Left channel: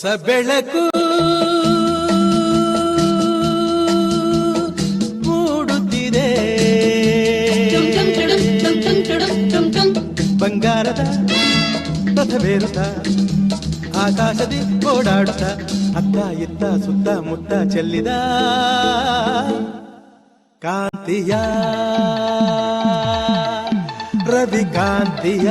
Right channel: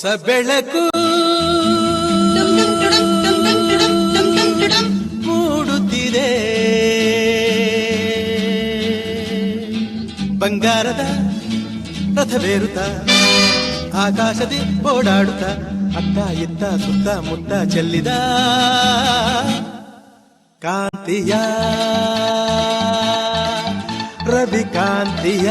ಹೊಸ ಬೆಳಕು ಮೂಡುತ್ತಿದೆ, ಬಂಗಾರದ ರಥವೇರುತ್ತ ಆಕಾಶದಿ ಓಡಾಡುತ್ತ ಅತ್ತ ಇತ್ತ ಸುತ್ತ ಮುತ್ತ ಚೆಲ್ಲಿದ ಕಾಂತಿಯ ರವಿ ಕಾಂತಿಯ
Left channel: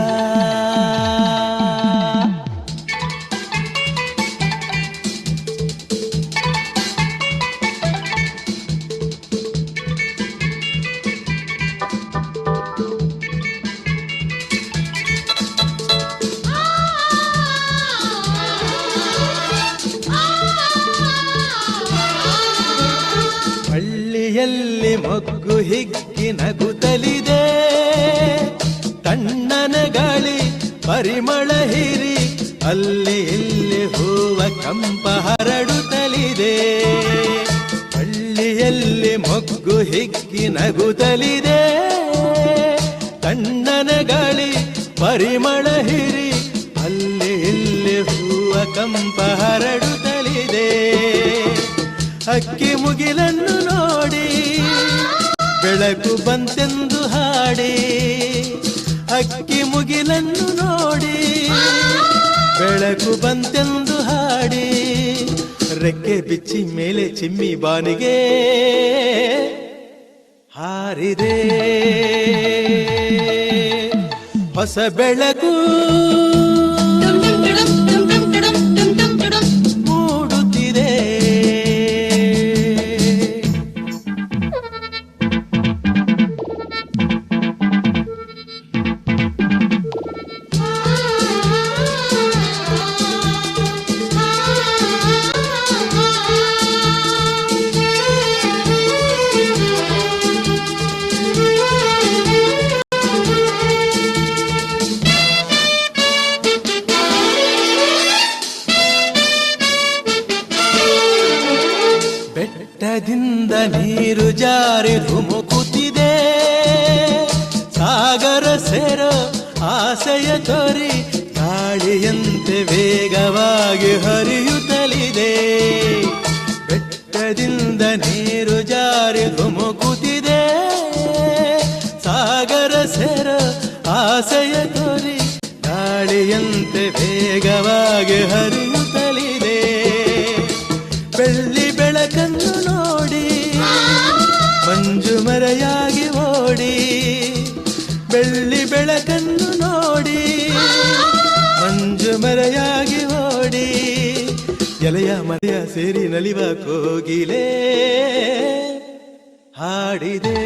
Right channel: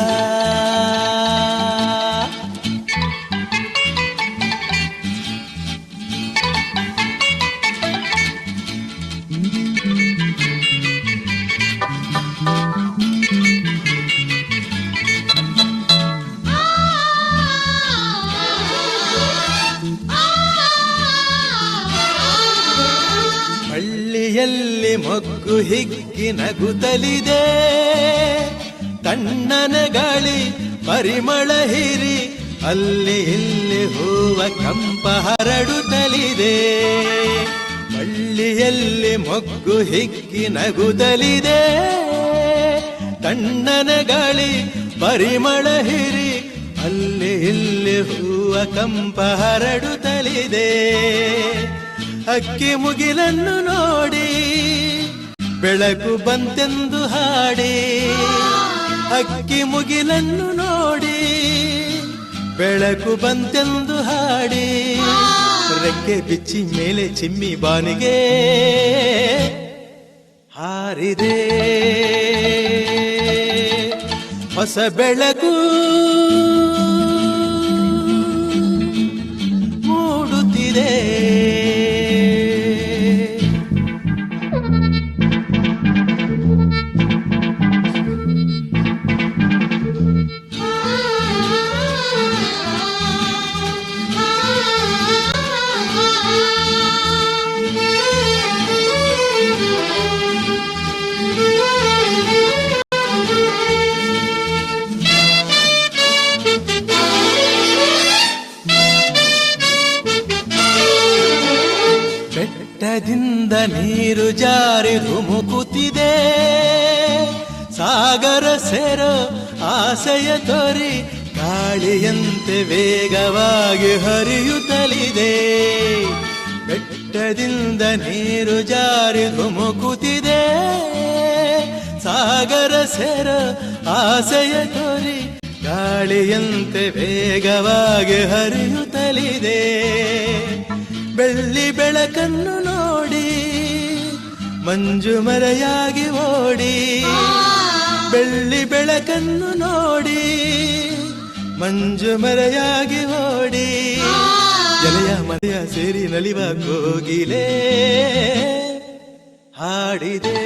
ಹಳ್ಳಿಯಲ್ಲಿ ಮೊಗ್ಗು ಹಿಗ್ಗಿ ನಗುತ್ತಲಿದೆ, ತಣ್ಣನ ಗಾಳಿ ಪರಿಮಳ ಹೀರಿ ಅಲ್ಲಿ ಇಲ್ಲಿ ಹೂವ ಕಂಪ ಹರಡುತ್ತಲಿದೆ. ಹಳ್ಳಿಯಲ್ಲಿ ಮೊಗ್ಗು ಹಿಗ್ಗಿ ನಗುತ್ತಲಿದೆ, ತಣ್ಣನ ಗಾಳಿ ಪರಿಮಳ ಹೀರಿ ಅಲ್ಲಿ ಇಲ್ಲಿ ಹೂವ ಕಂಪ ಹರಡುತ್ತಲಿದೆ. ಅಕ್ಕಿ ಮುಗಿಲನ್ನು ನೋಡಿ ಬೆಳಕು ಬಂತೆಂದು ಹಾಡಿ, ಅಕ್ಕಿ ಮುಗಿಲನ್ನು ನೋಡಿ ಬೆಳಕು ಬಂತೆಂದು ಹಾಡಿ, ರೆಕ್ಕೆ ಬಿಚ್ಚಿ ಮೇಲೆ ಚಿಮ್ಮಿ ಬಾನಿಗೆ ಹಾರಿದೆ ಹೊಸ ಬೆಳಕು ಮೂಡುತ್ತಿದೆ. ಬೆಟ್ಟದಿಂದ ನೀರು ಜಾರಿ ಧುಮುಕುತ್ತಿದೆ, ಸಾಗರ ಸೇರೋ ಆಸೆಯ ತೋರಿ ಗಾಳಿಯಂತೆ ವೇಗವಾಗಿ ಹರಿಯುತ್ತಲಿದೆ. ಬೆಟ್ಟದಿಂದ ನೀರು ಜಾರಿ ಧುಮುಕುತ್ತಿದೆ, ಸಾಗರ ಸೇರೋ ಆಸೆಯ ತೋರಿ ಗಾಳಿಯಂತೆ ವೇಗವಾಗಿ ಹರಿಯುತ್ತಲಿದೆ. ಬೆಳ್ಳಿ ಬೆಳಕನ್ನು ನೋಡಿ ಮಂಜು ಮರೆಯಾಗಿ ಓಡಿ, ಬೆಳ್ಳಿ ಬೆಳಕನ್ನು ನೋಡಿ ಮಂಜು ಮರೆಯಾಗಿ ಓಡಿ, ಎಲೆಯ ಮರೆಯ ಸೇರಿ ನಲಿವ ಕೋಗಿಲೆ ಹಾಡಿದೆ.